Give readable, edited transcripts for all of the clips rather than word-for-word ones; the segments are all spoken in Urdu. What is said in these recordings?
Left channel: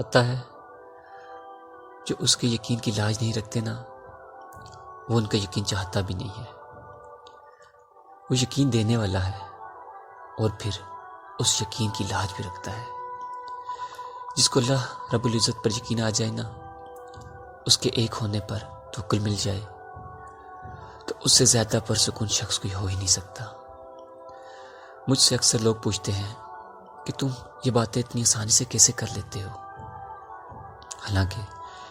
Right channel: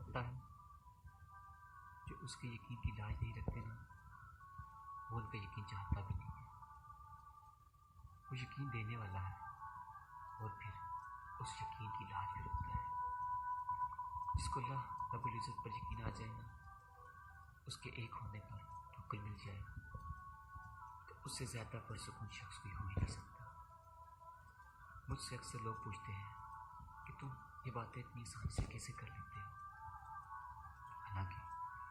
پتہ ہے جو اس کے یقین کی لاج نہیں رکھتے نا، وہ ان کا یقین چاہتا بھی نہیں ہے۔ وہ یقین دینے والا ہے اور پھر اس یقین کی لاج بھی رکھتا ہے۔ جس کو اللہ رب العزت پر یقین آ جائے نا، اس کے ایک ہونے پر توکل مل جائے، تو اس سے زیادہ پرسکون شخص کوئی ہو ہی نہیں سکتا۔ مجھ سے اکثر لوگ پوچھتے ہیں کہ تم یہ باتیں اتنی آسانی سے کیسے کر لیتے ہو؟ حالانکہ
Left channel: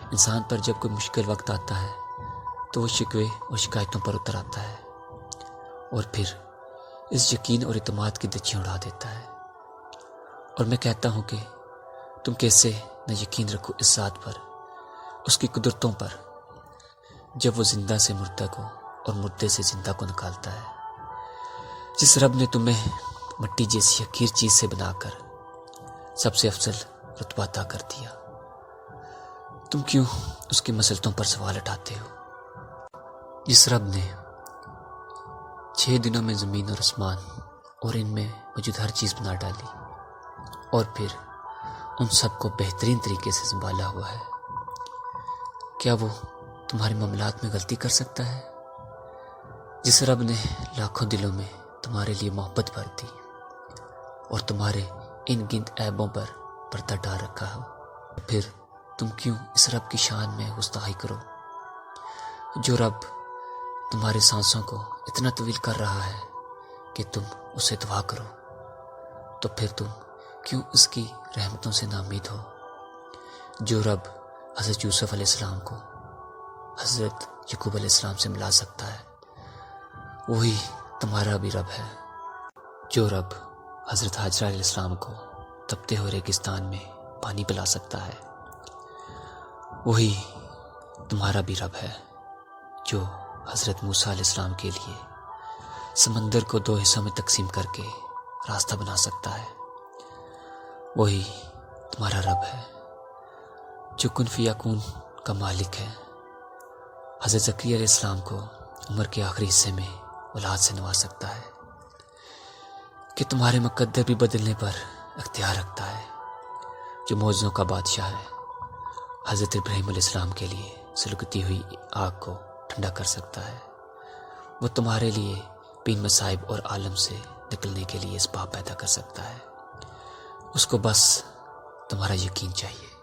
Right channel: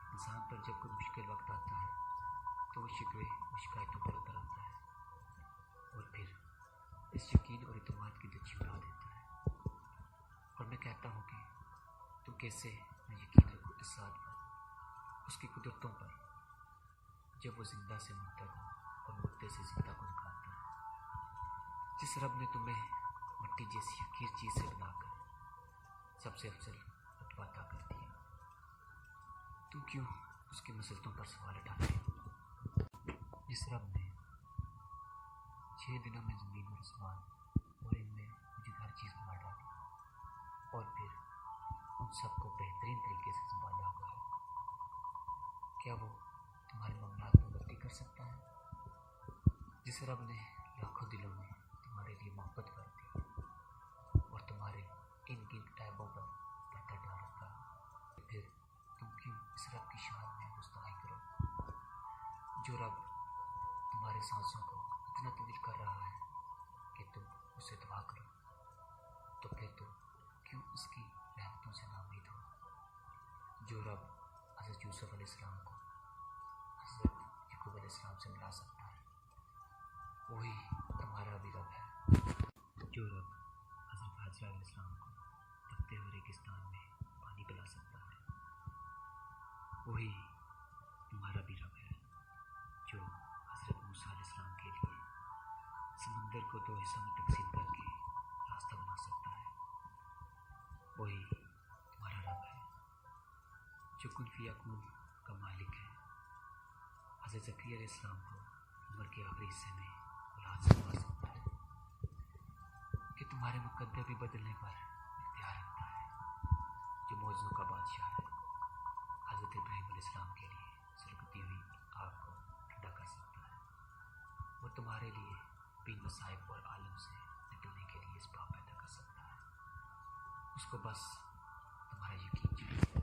انسان پر جب کوئی مشکل وقت آتا ہے تو وہ شکوے اور شکایتوں پر اتر آتا ہے اور پھر اس یقین اور اعتماد کی دچیاں اڑا دیتا ہے۔ اور میں کہتا ہوں کہ تم کیسے نہ یقین رکھو اس ذات پر، اس کی قدرتوں پر، جب وہ زندہ سے مردہ کو اور مردے سے زندہ کو نکالتا ہے۔ جس رب نے تمہیں مٹی جیسی حقیر چیز سے بنا کر سب سے افضل رتبہ عطا کر دیا، تم کیوں اس کی مسلطوں پر سوال اٹھاتے ہو؟ جس رب نے 6 دنوں میں زمین اور آسمان اور ان میں موجود ہر چیز بنا ڈالی اور پھر ان سب کو بہترین طریقے سے سنبھالا ہوا ہے، کیا وہ تمہارے معاملات میں غلطی کر سکتا ہے؟ جس رب نے لاکھوں دلوں میں تمہارے لیے محبت بھر دی اور تمہارے ان گنت عیبوں پر پردہ ڈال رکھا ہو، پھر تم کیوں اس رب کی شان میں گستاخی کرو؟ جو رب تمہارے سانسوں کو اتنا طویل کر رہا ہے کہ تم اسے دعا کرو، تو پھر تم کیوں اس کی رحمتوں سے ناامید ہو؟ جو رب حضرت یوسف علیہ السلام کو حضرت یعقوب علیہ السلام سے ملا سکتا ہے، وہی تمہارا بھی رب ہے۔ جو رب حضرت حاجرہ علیہ السلام کو تپتے ہوئے ریگستان میں پانی پلا سکتا ہے، وہی تمہارا بھی رب ہے۔ جو حضرت موسیٰ علیہ السلام کے لیے سمندر کو 2 حصوں میں تقسیم کر کے راستہ بنا سکتا ہے، وہی تمہارا رب ہے۔ جو کن فیکون کا مالک ہے، حضرت زکریا علیہ السلام کو عمر کے آخری حصے میں اولاد سے نواز سکتا ہے، کہ تمہارے مقدر بھی بدلنے پر اختیار رکھتا ہے۔ جو معجزوں کا بادشاہ ہے، حضرت ابراہیم علیہ السلام کے لیے سلگتی ہوئی آگ کو ٹھنڈا کر سکتا ہے، وہ تمہارے لیے بین مصائب اور عالم سے نکلنے کے لیے اسباب پیدا کر سکتا ہے۔ اس کو بس تمہارا یقین چاہیے۔